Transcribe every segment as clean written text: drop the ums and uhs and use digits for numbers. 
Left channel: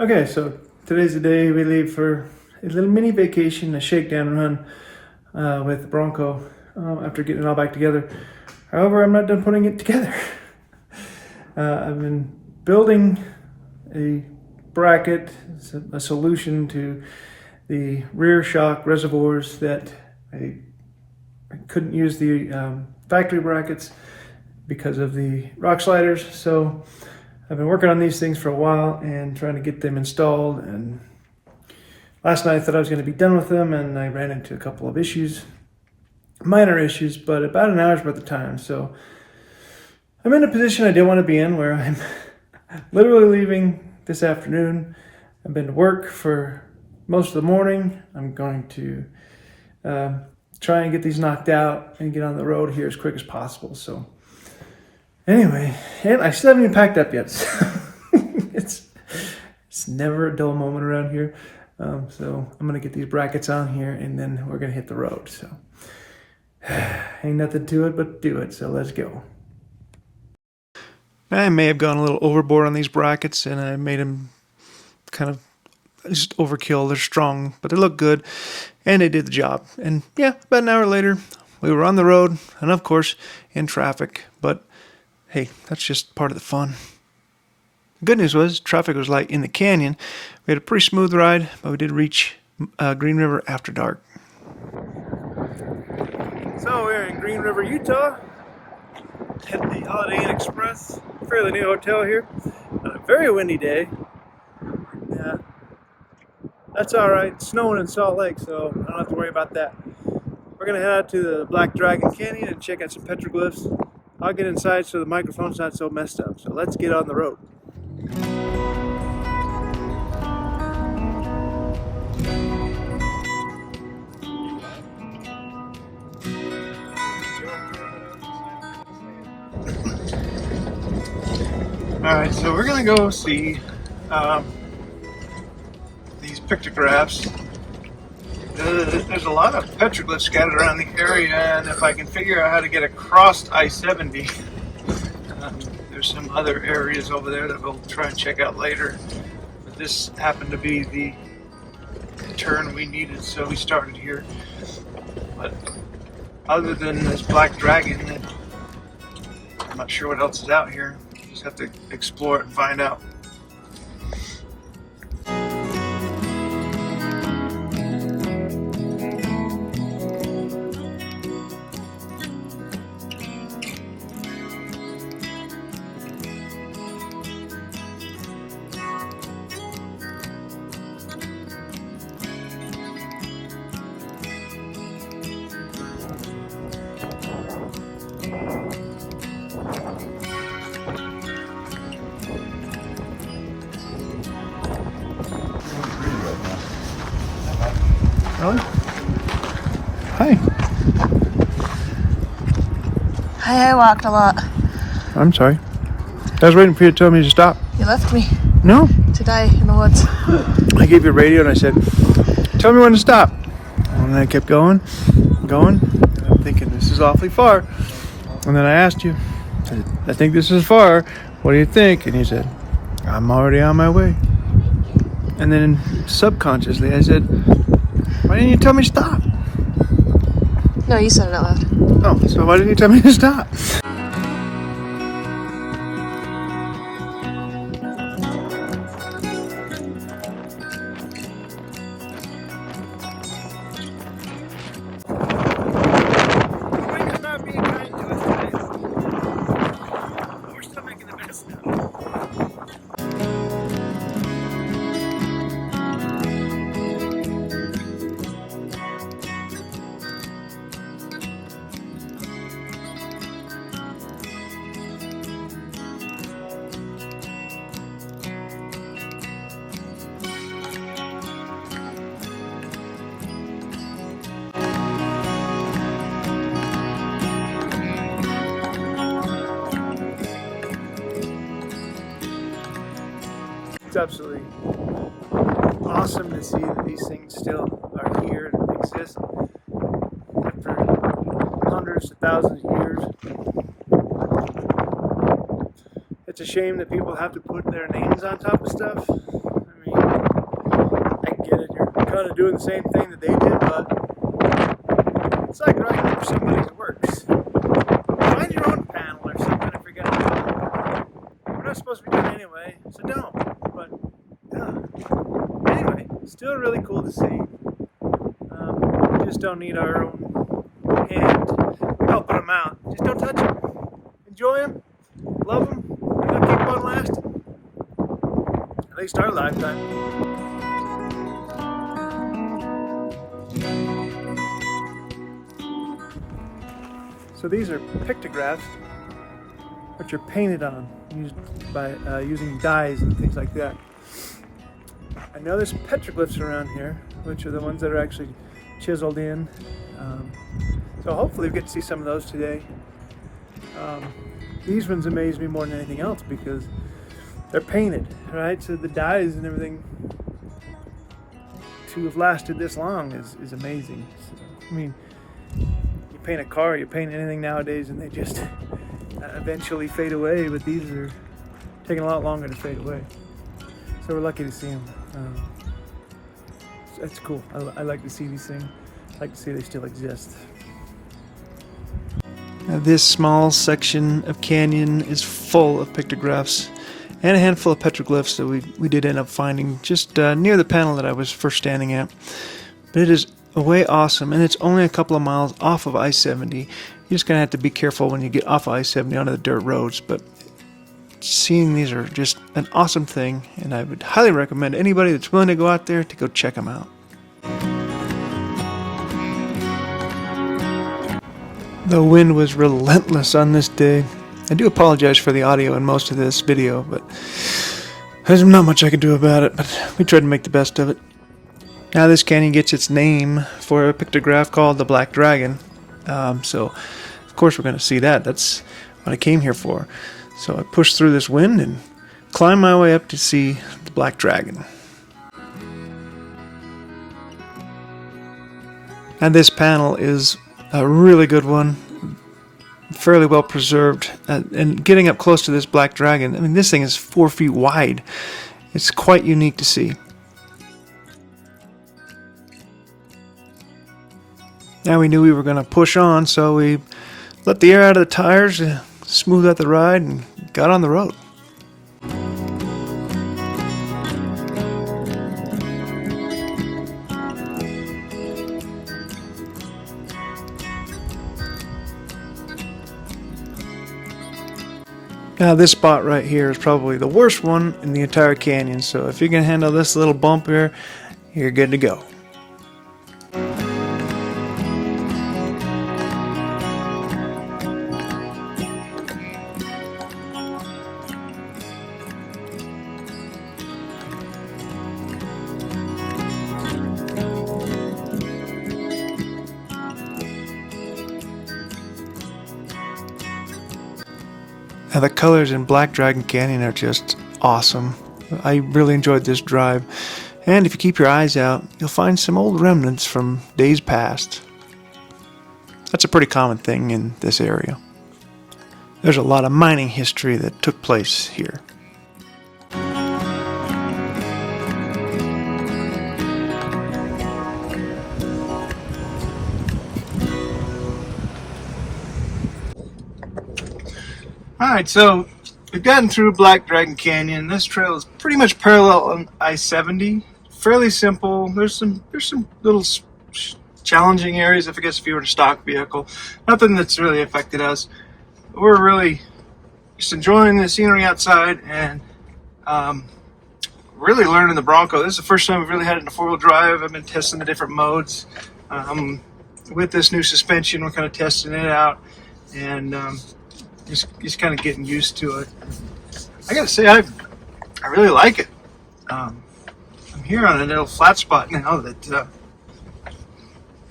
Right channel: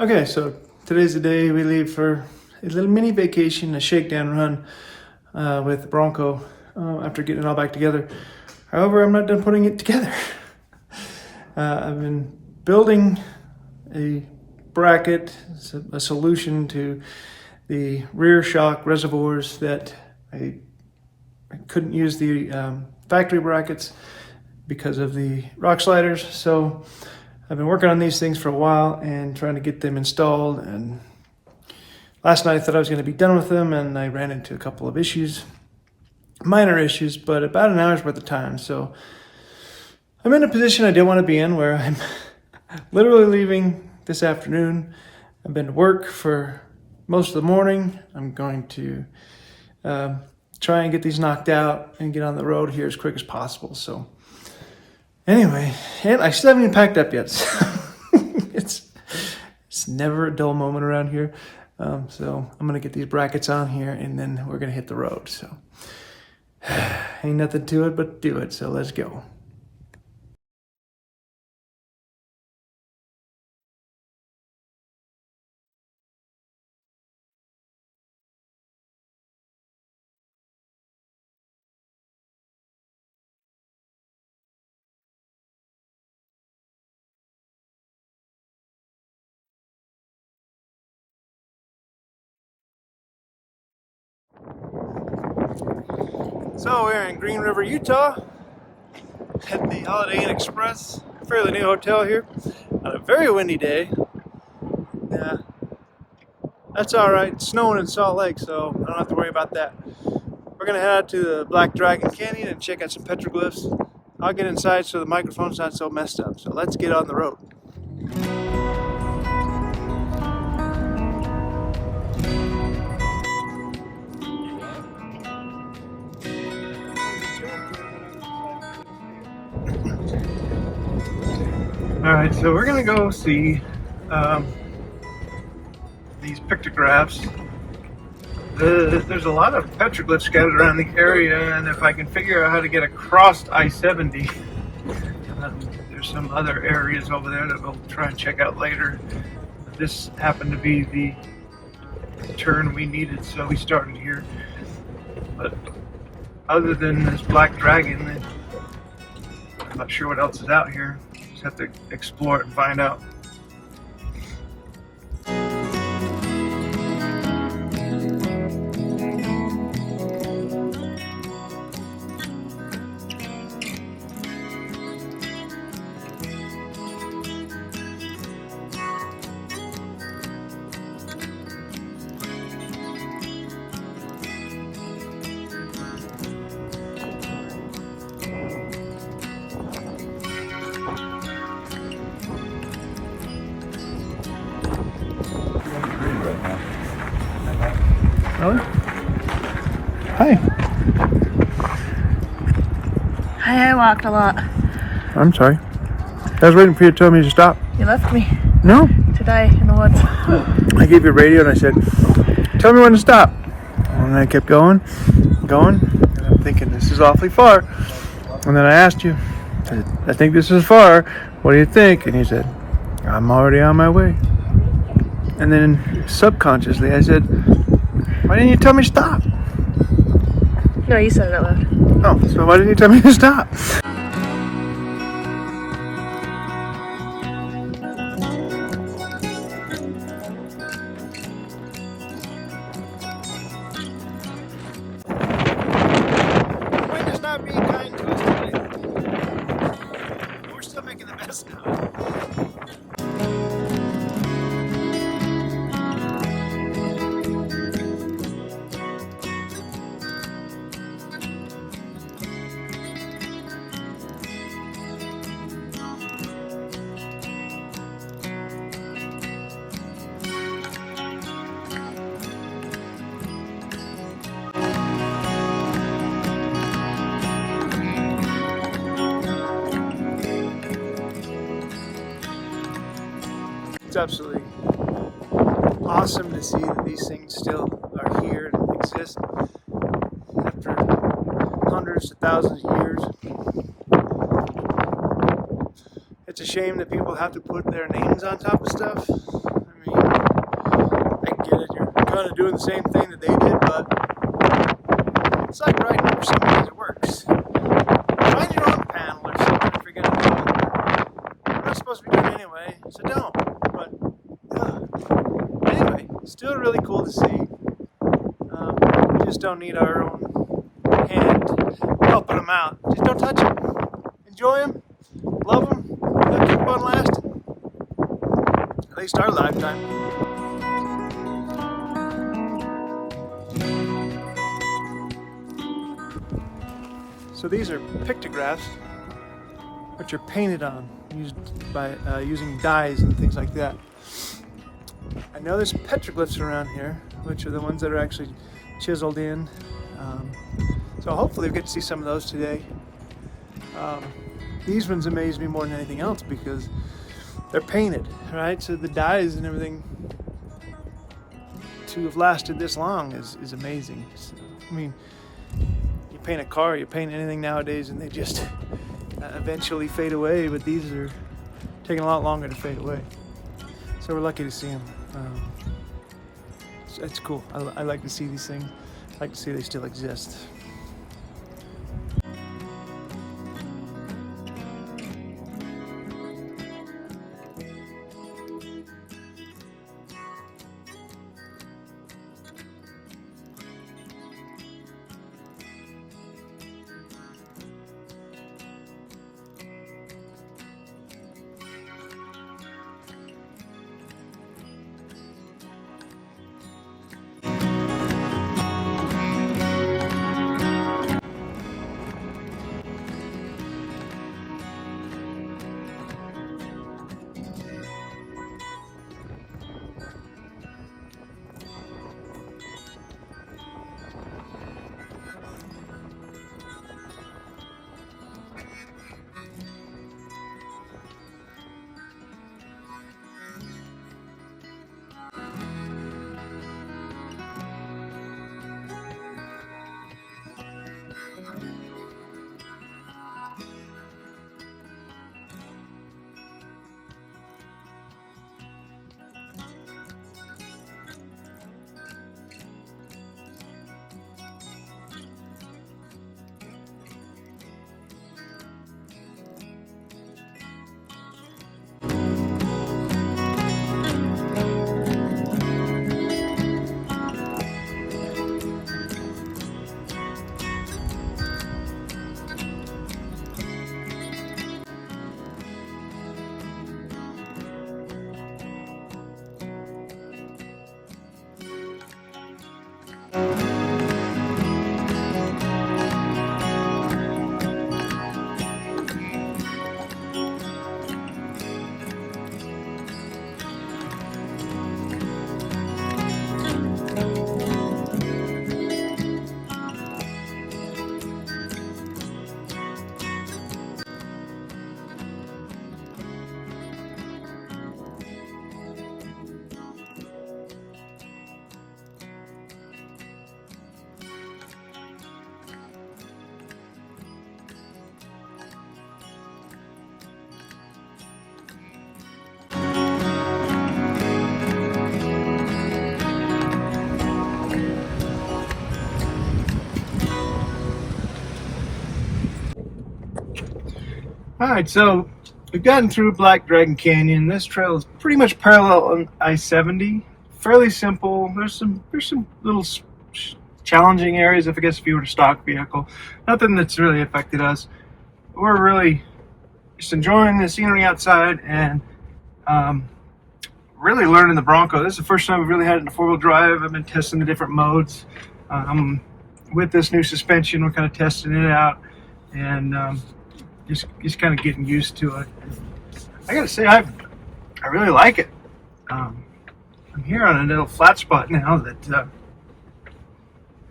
Okay, so today's the day we leave for a little mini vacation, a shakedown run with the Bronco after getting it all back together. However, I'm not done putting it together. I've been building a bracket, a solution to the rear shock reservoirs that I couldn't use the factory brackets because of the rock sliders. So I've been working on these things for a while and trying to get them installed, and last night I thought I was going to be done with them, and I ran into a couple of issues, minor issues, but about an hour's worth of time. So I'm in a position I didn't want to be in, where I'm literally leaving this afternoon. I've been to work for most of the morning. I'm going to try and get these knocked out and get on the road here as quick as possible. So anyway, and I still haven't even packed up yet. So it's never a dull moment around here. So I'm gonna get these brackets on here, and then we're gonna hit the road. So ain't nothing to it but do it. So let's go. I may have gone a little overboard on these brackets, and I made them kind of just overkill. They're strong, but they look good, and they did the job. And yeah, about an hour later, we were on the road, and of course, in traffic. But hey, that's just part of the fun. The good news was traffic was light in the canyon. We had a pretty smooth ride, but we did reach Green River after dark. So we're in Green River, Utah, at the Holiday Inn Express, fairly new hotel here, on a very windy day. Yeah, that's all right. It's snowing in Salt Lake, so I don't have to worry about that. We're gonna head out to the Black Dragon Canyon and check out some petroglyphs. I'll get inside so the microphone's not so messed up. So let's get on the road. Alright, so we're gonna go see these pictographs. There's a lot of petroglyphs scattered around the area, and if I can figure out how to get across I-70, there's some other areas over there that we'll try and check out later. But this happened to be the turn we needed, so we started here. But other than this Black Dragon, I'm not sure what else is out here. Just have to explore it and find out. Really? Hi. Hi, I walked a lot. I'm sorry. I was waiting for you to tell me to stop. You left me No. today in the woods. I gave you a radio and I said, tell me when to stop. And I kept going. And I'm thinking, this is awfully far. And then I asked you, I think this is far. What do you think? And you said, I'm already on my way. And then subconsciously I said, why didn't you tell me to stop? No, you said it out loud. Oh, so why didn't you tell me to stop? We're still making the best now. It's absolutely awesome to see that these things still are here and exist after hundreds of thousands of years. It's a shame that people have to put their names on top of stuff. I mean, kind of doing the same thing that they did, but it's like writing for somebody that works. Find your own panel or something if you're going to do it. We're not supposed to be doing it anyway, so don't. But anyway, still really cool to see. We just don't need our own hand helping them out. Just don't touch them. Enjoy them. Love them. They'll keep on lasting. At least our lifetime. So these are pictographs, which are painted on, used by using dyes and things like that. I know there's petroglyphs around here, which are the ones that are actually chiseled in. So hopefully we get to see some of those today. These ones amaze me more than anything else because they're painted, right? So the dyes and everything to have lasted this long is amazing. So, I mean, you paint a car, you paint anything nowadays, and they just eventually fade away. But these are taking a lot longer to fade away. So we're lucky to see them. That's cool. I like to see these things. I like to see they still exist. Now this small section of canyon is full of pictographs and a handful of petroglyphs that we did end up finding just near the panel that I was first standing at. But it is way awesome, and it's only a couple of miles off of I-70. You're just going to have to be careful when you get off of I-70 onto the dirt roads, but seeing these are just an awesome thing, and I would highly recommend anybody that's willing to go out there to go check them out. The wind was relentless on this day. I do apologize for the audio in most of this video, but there's not much I can do about it, but we tried to make the best of it. Now this canyon gets its name for a pictograph called the Black Dragon. So of course we're going to see that. That's what I came here for. So I pushed through this wind and climbed my way up to see the Black Dragon. And this panel is a really good one, fairly well preserved, and getting up close to this Black Dragon, I mean this thing is 4 feet wide. It's quite unique to see. Now we knew we were going to push on, so we let the air out of the tires, smoothed out the ride, and got on the road. Now this spot right here is probably the worst one in the entire canyon, so if you can handle this little bump here, you're good to go. Now the colors in Black Dragon Canyon are just awesome. I really enjoyed this drive, and if you keep your eyes out, you'll find some old remnants from days past. That's a pretty common thing in this area. There's a lot of mining history that took place here. Alright, so we've gotten through Black Dragon Canyon. This trail is pretty much parallel on I-70. Fairly simple. There's some little challenging areas, I guess, if you were a stock vehicle. Nothing that's really affected us. We're really just enjoying the scenery outside and really learning the Bronco. This is the first time we've really had it in a four-wheel drive. I've been testing the different modes. With this new suspension, we're kind of testing it out, and just kind of getting used to it. I gotta say, I really like it. I'm here on a little flat spot now that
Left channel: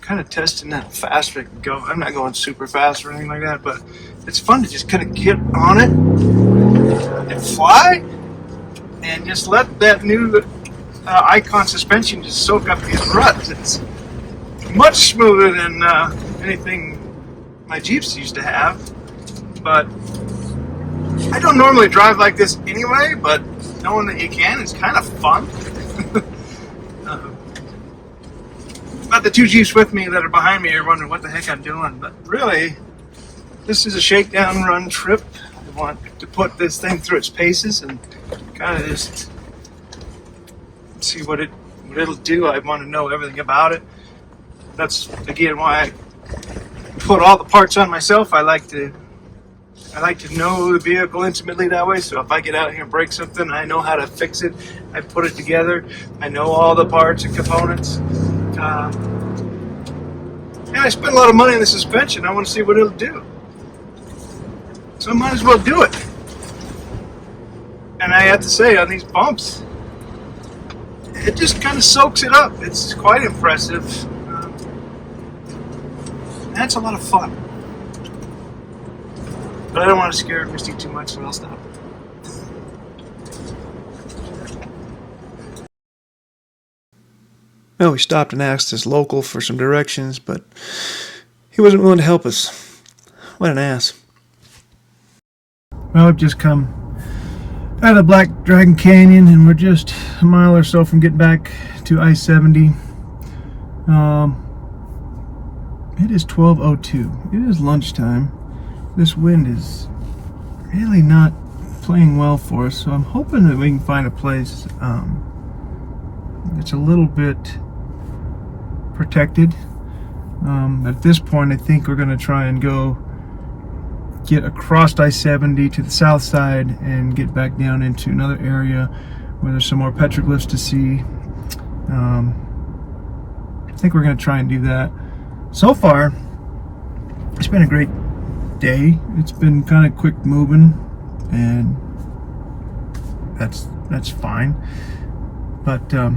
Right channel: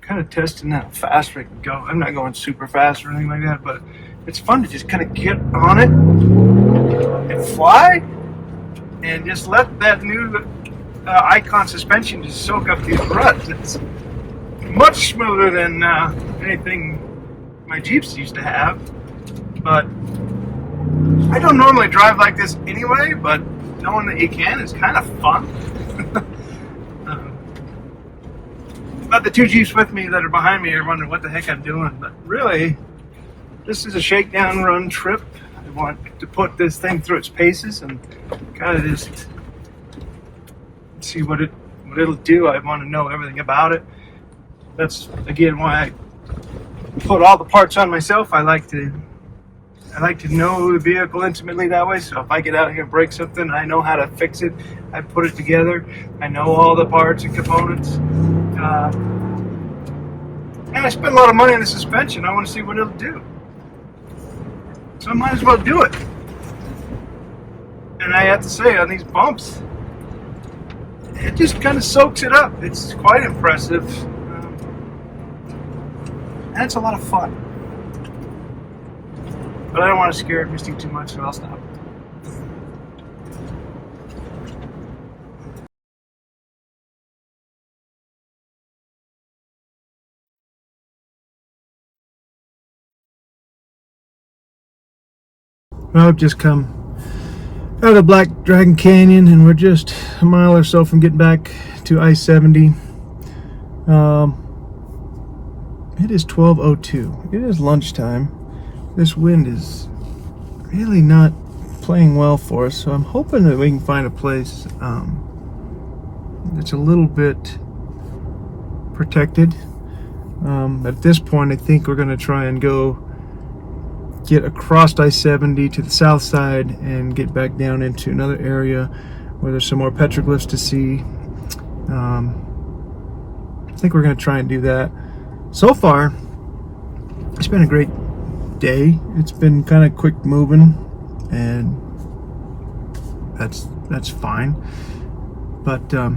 kind of testing how fast I can go. I'm not going super fast or anything like that, but it's fun to just kind of get on it and fly and just let that new Icon suspension just soak up these ruts. It's much smoother than anything my Jeeps used to have. But I don't normally drive like this anyway, but knowing that you can is kind of fun. But the two Jeeps with me that are behind me are wondering what the heck I'm doing. But really, this is a shakedown run trip. I want to put this thing through its paces and kind of just see what it'll do. I want to know everything about it. That's again why I put all the parts on myself. I like to know the vehicle intimately that way. So if I get out here and break something, I know how to fix it. I put it together. I know all the parts and components. And I spent a lot of money on the suspension. I want to see what it'll do. So I might as well do it. And I have to say, on these bumps, it just kind of soaks it up. It's quite impressive. That's a lot of fun. But I don't want to scare Misty too much, so I'll stop. Well, we stopped and asked this local for some directions, but he wasn't willing to help us. What an ass. Well, I've just come out of Black Dragon Canyon, and we're just a mile or so from getting back to I-70. It is 12:02. It is lunchtime. This wind is really not playing well for us, so I'm hoping that we can find a place that's a little bit protected. At this point, I think we're going to try and go get across I-70 to the south side and get back down into another area where there's some more petroglyphs to see. I think we're going to try and do that. So far, it's been a great day. It's been kind of quick moving, and that's fine. But I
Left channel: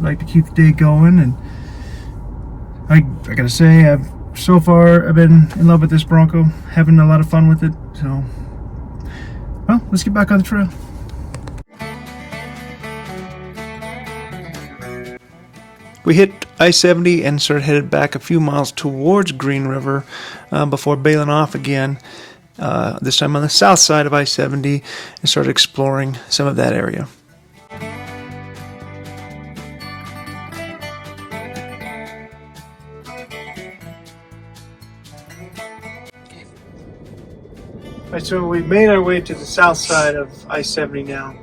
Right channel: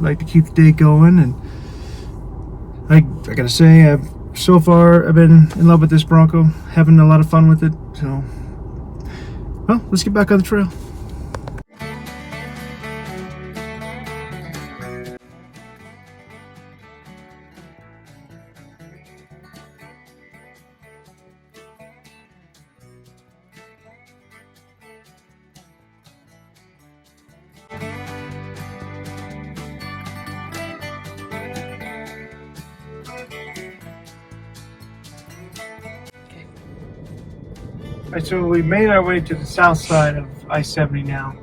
like to keep the day going, and I gotta say, so far I've been in love with this Bronco, having a lot of fun with it. So, well, let's get back on the trail. We hit I-70 and started headed back a few miles towards Green River before bailing off again, this time on the south side of I-70, and started exploring some of that area. Alright, so we made our way to the south side of I-70 now.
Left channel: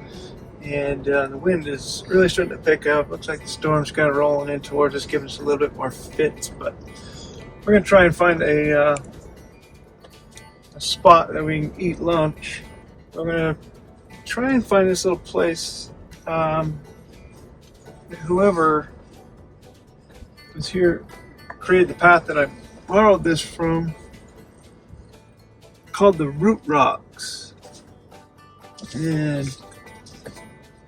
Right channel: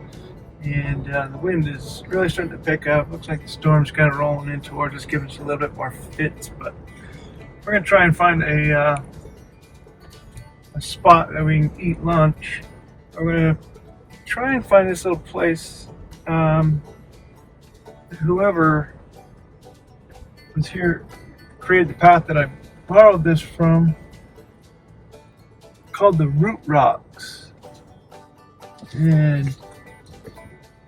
And the wind is really starting to pick up. Looks like the storm's kind of rolling in towards us, giving us a little bit more fits. But we're going to try and find a spot that we can eat lunch. We're going to try and find this little place. Whoever was here created the path that I borrowed this from, called the Root Rocks. And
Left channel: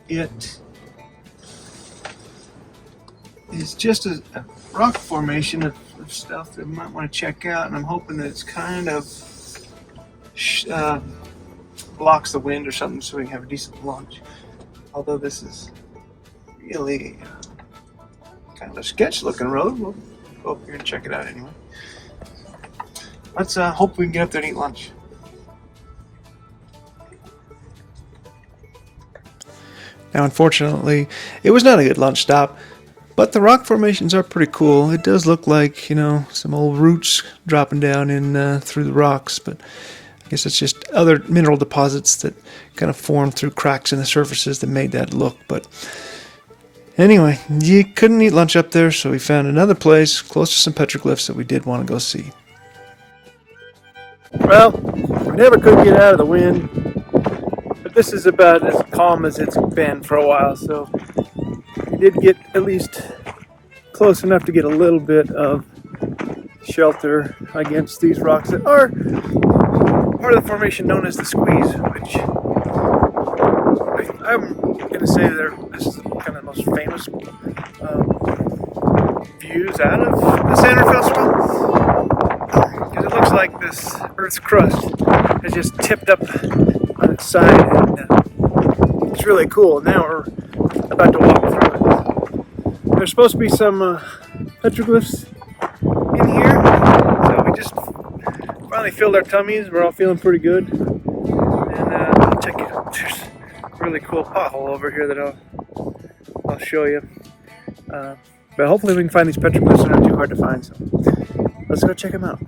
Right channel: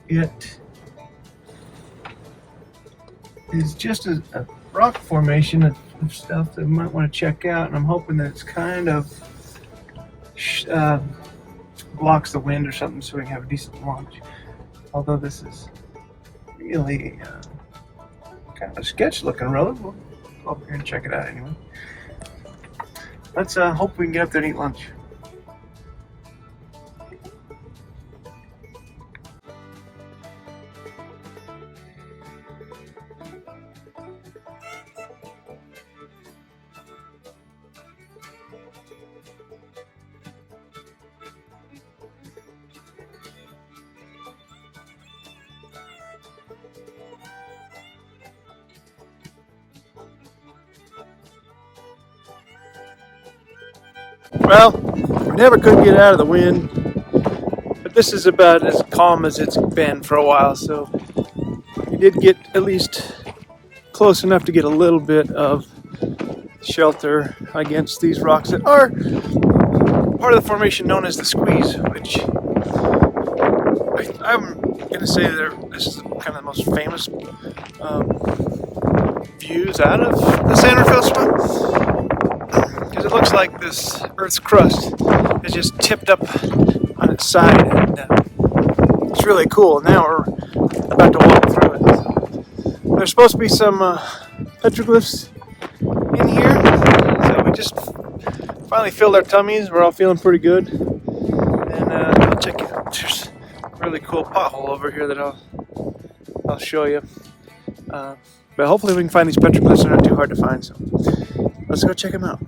it is just a rock formation of stuff that we might want to check out, and I'm hoping that it's kind of blocks the wind or something so we can have a decent lunch. Although this is really kind of a sketch looking road, we'll go up here and check it out anyway. Let's hope we can get up there and eat lunch. Now, unfortunately, it was not a good lunch stop, but the rock formations are pretty cool. It does look like, you know, some old roots dropping down in through the rocks, but I guess it's just other mineral deposits that kind of formed through cracks in the surfaces that made that look. But anyway, you couldn't eat lunch up there, so we found another place close to some petroglyphs that we did want to go see. Well, we never could get out of the wind. This is about as calm as it's been for a while, so we did get at least close enough to get a little bit of shelter against these rocks that are part of the formation known as the Squeeze, which I'm going to say this is kind of the most famous views out of the San Rafael Swell, because it looks like this Earth's crust is just tipped up on its side, and it's really cool. Now we're about to walk through it. There's supposed to be some petroglyphs in here, so we just finally filled our tummies. We're all feeling pretty good, and check it out. There's a really cool pothole over here that I'll show you. But hopefully we can find these petroglyphs. They're not too hard to find, so let's go check them out.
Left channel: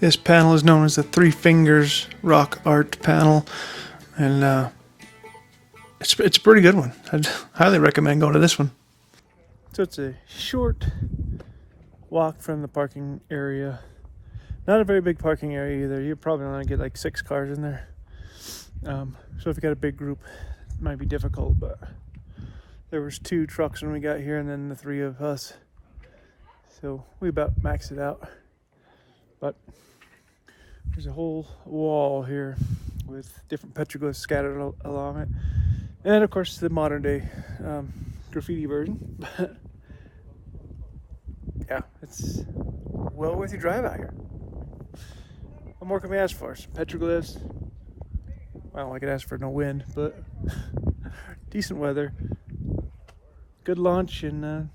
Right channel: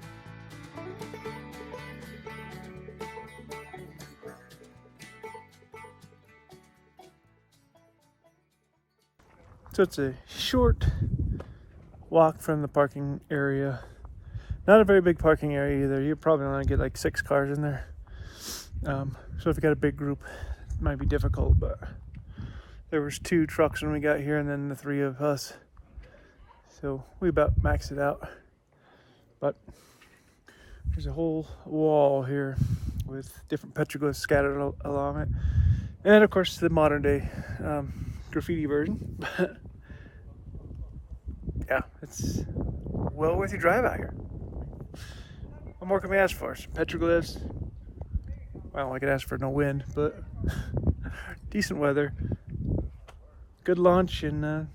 This panel is known as the Three Fingers Rock Art Panel, and it's a pretty good one. I'd highly recommend going to this one. So it's a short walk from the parking area. Not a very big parking area either. You're probably only gonna get like 6 cars in there. So if you got a big group, it might be difficult, but there was 2 trucks when we got here and then the 3 of us. So we about maxed it out. But there's a whole wall here with different petroglyphs scattered along it. And of course the modern day graffiti version. Yeah, it's well worth your drive out here. What more can we ask for? Some petroglyphs. Well, I could ask for no wind, but decent weather. Good lunch, and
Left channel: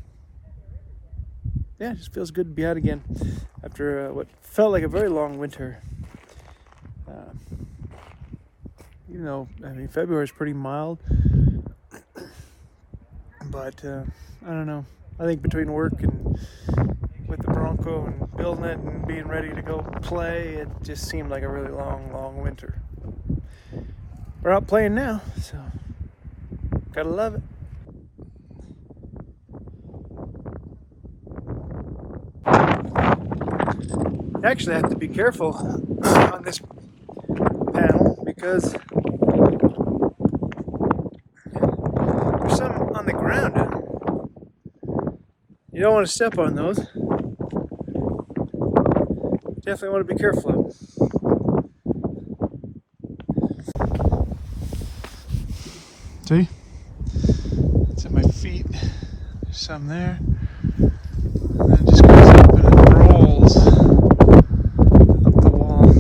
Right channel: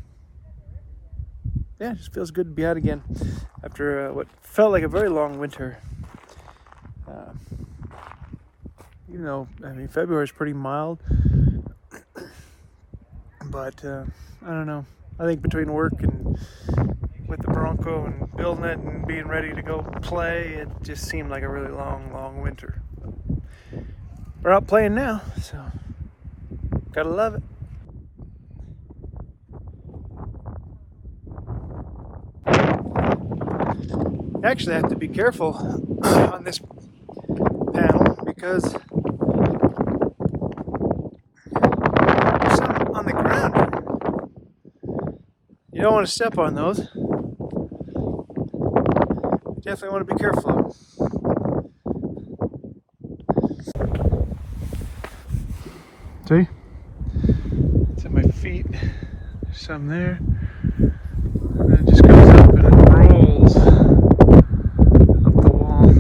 yeah, it just feels good to be out again after what felt like a very long winter. Even though, I mean, February is pretty mild, but I don't know. I think between work and with the Bronco and building it and being ready to go play, it just seemed like a really long winter. We're out playing now, so gotta love it. Actually, I have to be careful on this panel because there's some on the ground. You don't want to step on those. You definitely want to be careful of them. See? It's at my feet. There's some there. And then it just goes up and it rolls up the wall.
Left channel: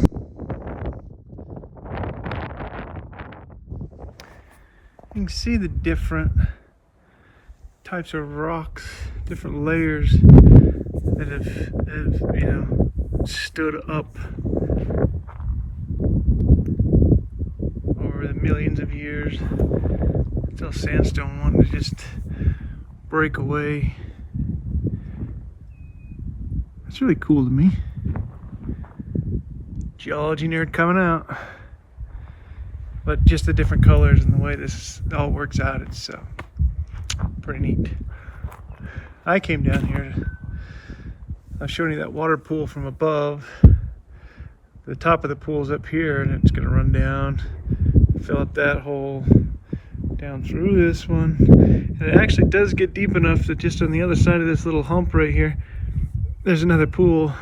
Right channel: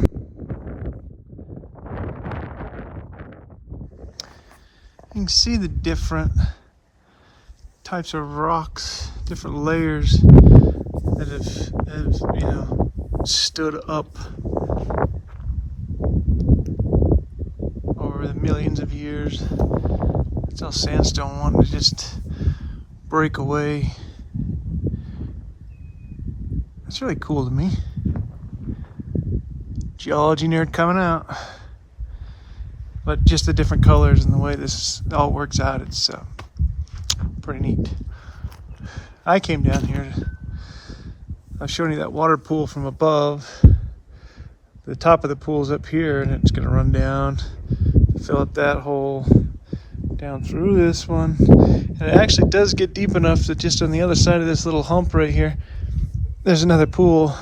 You can see the different types of rocks, different layers that have you know, stood up over the millions of years. It's all sandstone wanting to just break away. That's really cool to me. Geology nerd coming out. But just the different colors and the way this all works out, it's pretty neat. I came down here. I was showing you that water pool from above. The top of the pool's up here, and it's gonna run down, fill up that hole, down through this one. And it actually does get deep enough that just on the other side of this little hump right here, there's another pool.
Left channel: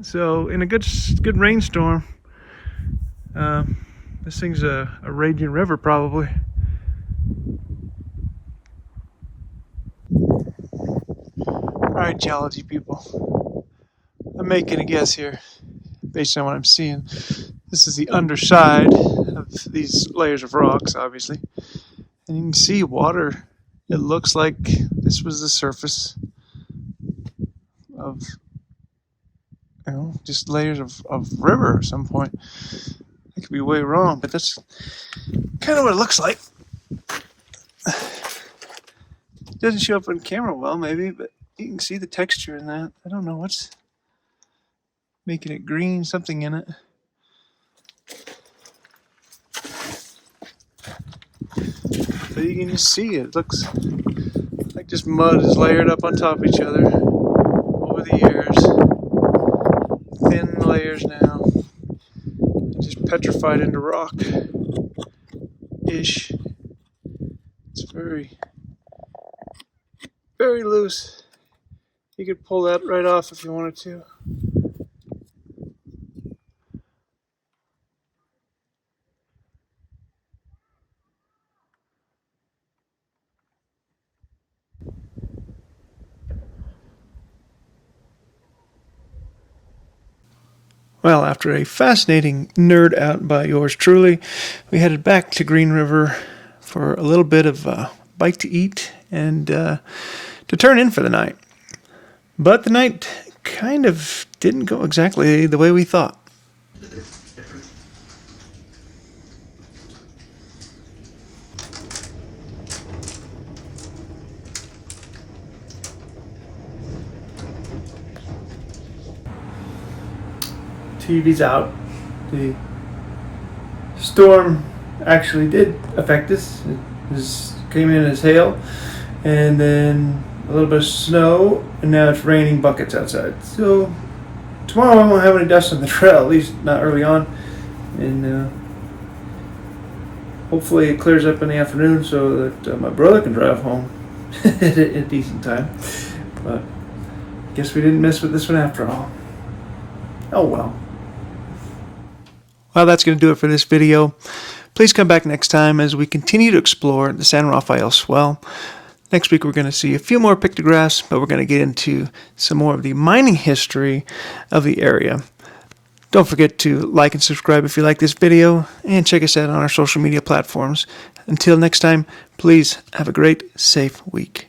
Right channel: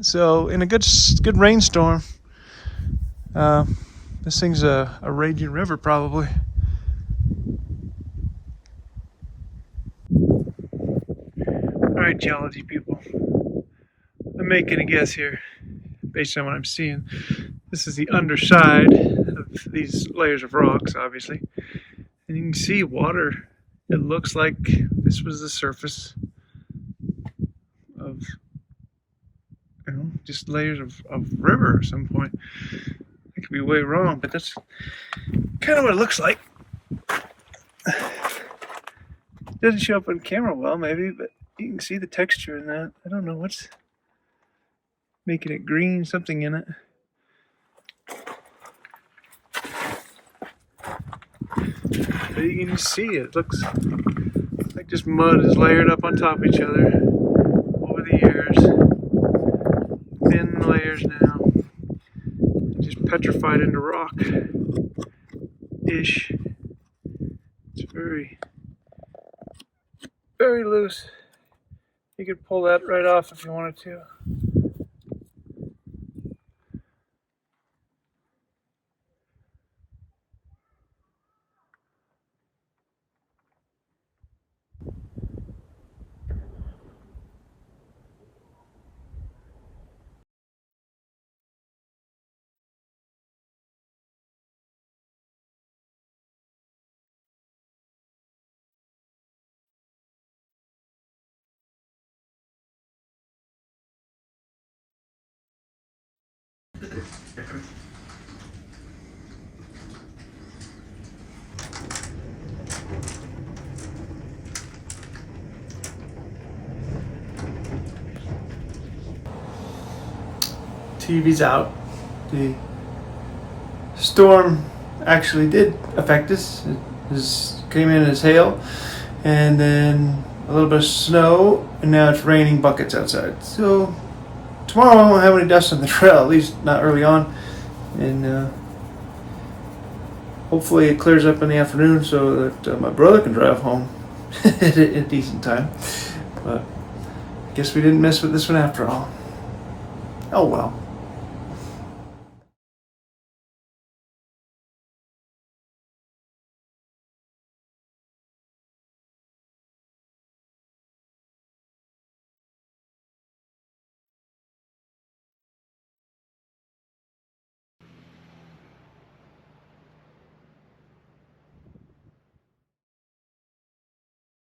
So in a good rainstorm, this thing's a raging river probably. Alright, geology people, I'm making a guess here based on what I'm seeing. This is the underside of these layers of rocks, obviously. And you can see water. It looks like this was the surface of, you know, just layers of river at some point. I could be way wrong, but that's kind of what it looks like. It doesn't show up on camera well, maybe, but you can see the texture in that. I don't know what's making it green, something in it. So you can just see it. It looks like just mud is layered up on top of each other over the years. Thin layers now. Just petrified into rock-ish. It's very, very loose. You could pull that right off if you wanted to. Well, after a fascinating nerd out by yours truly, we headed back to Green River for a little bit of bite to eat and to turn in for the night. But the night kind of didn't go exactly the way we thought. TV's out. The storm actually did affect us. It came in as hail, and then a little bit of snow, and now it's raining buckets outside. So tomorrow I won't have any dust on the trail, at least not early on, and hopefully it clears up in the afternoon so that my brother can drive home at a decent time. But I guess we didn't miss with this one after all. Oh well. Well, that's going to do it for this video. Please come back next time as we continue to explore the San Rafael Swell. Next week we're going to see a few more pictographs, but we're going to get into some more of the mining history of the area. Don't forget to like and subscribe if you like this video, and check us out on our social media platforms. Until next time, please have a great, safe week.